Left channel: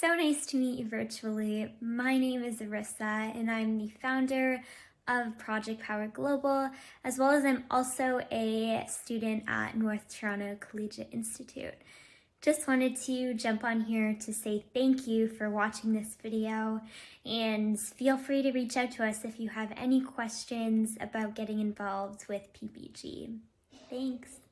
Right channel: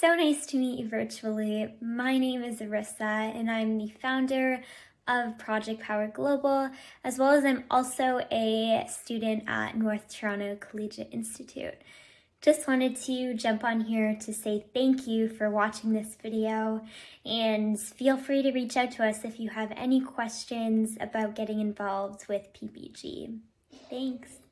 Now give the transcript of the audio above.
So nice to meet you virtually. My name is Arissa, and I'm the founder of Project Power Global, as well as I'm also a student at North Toronto Collegiate Institute. Just wanted to jump on here to say thank you for watching this video, and feel free to reach out to us if you have any questions about getting involved with PPG. Thanks.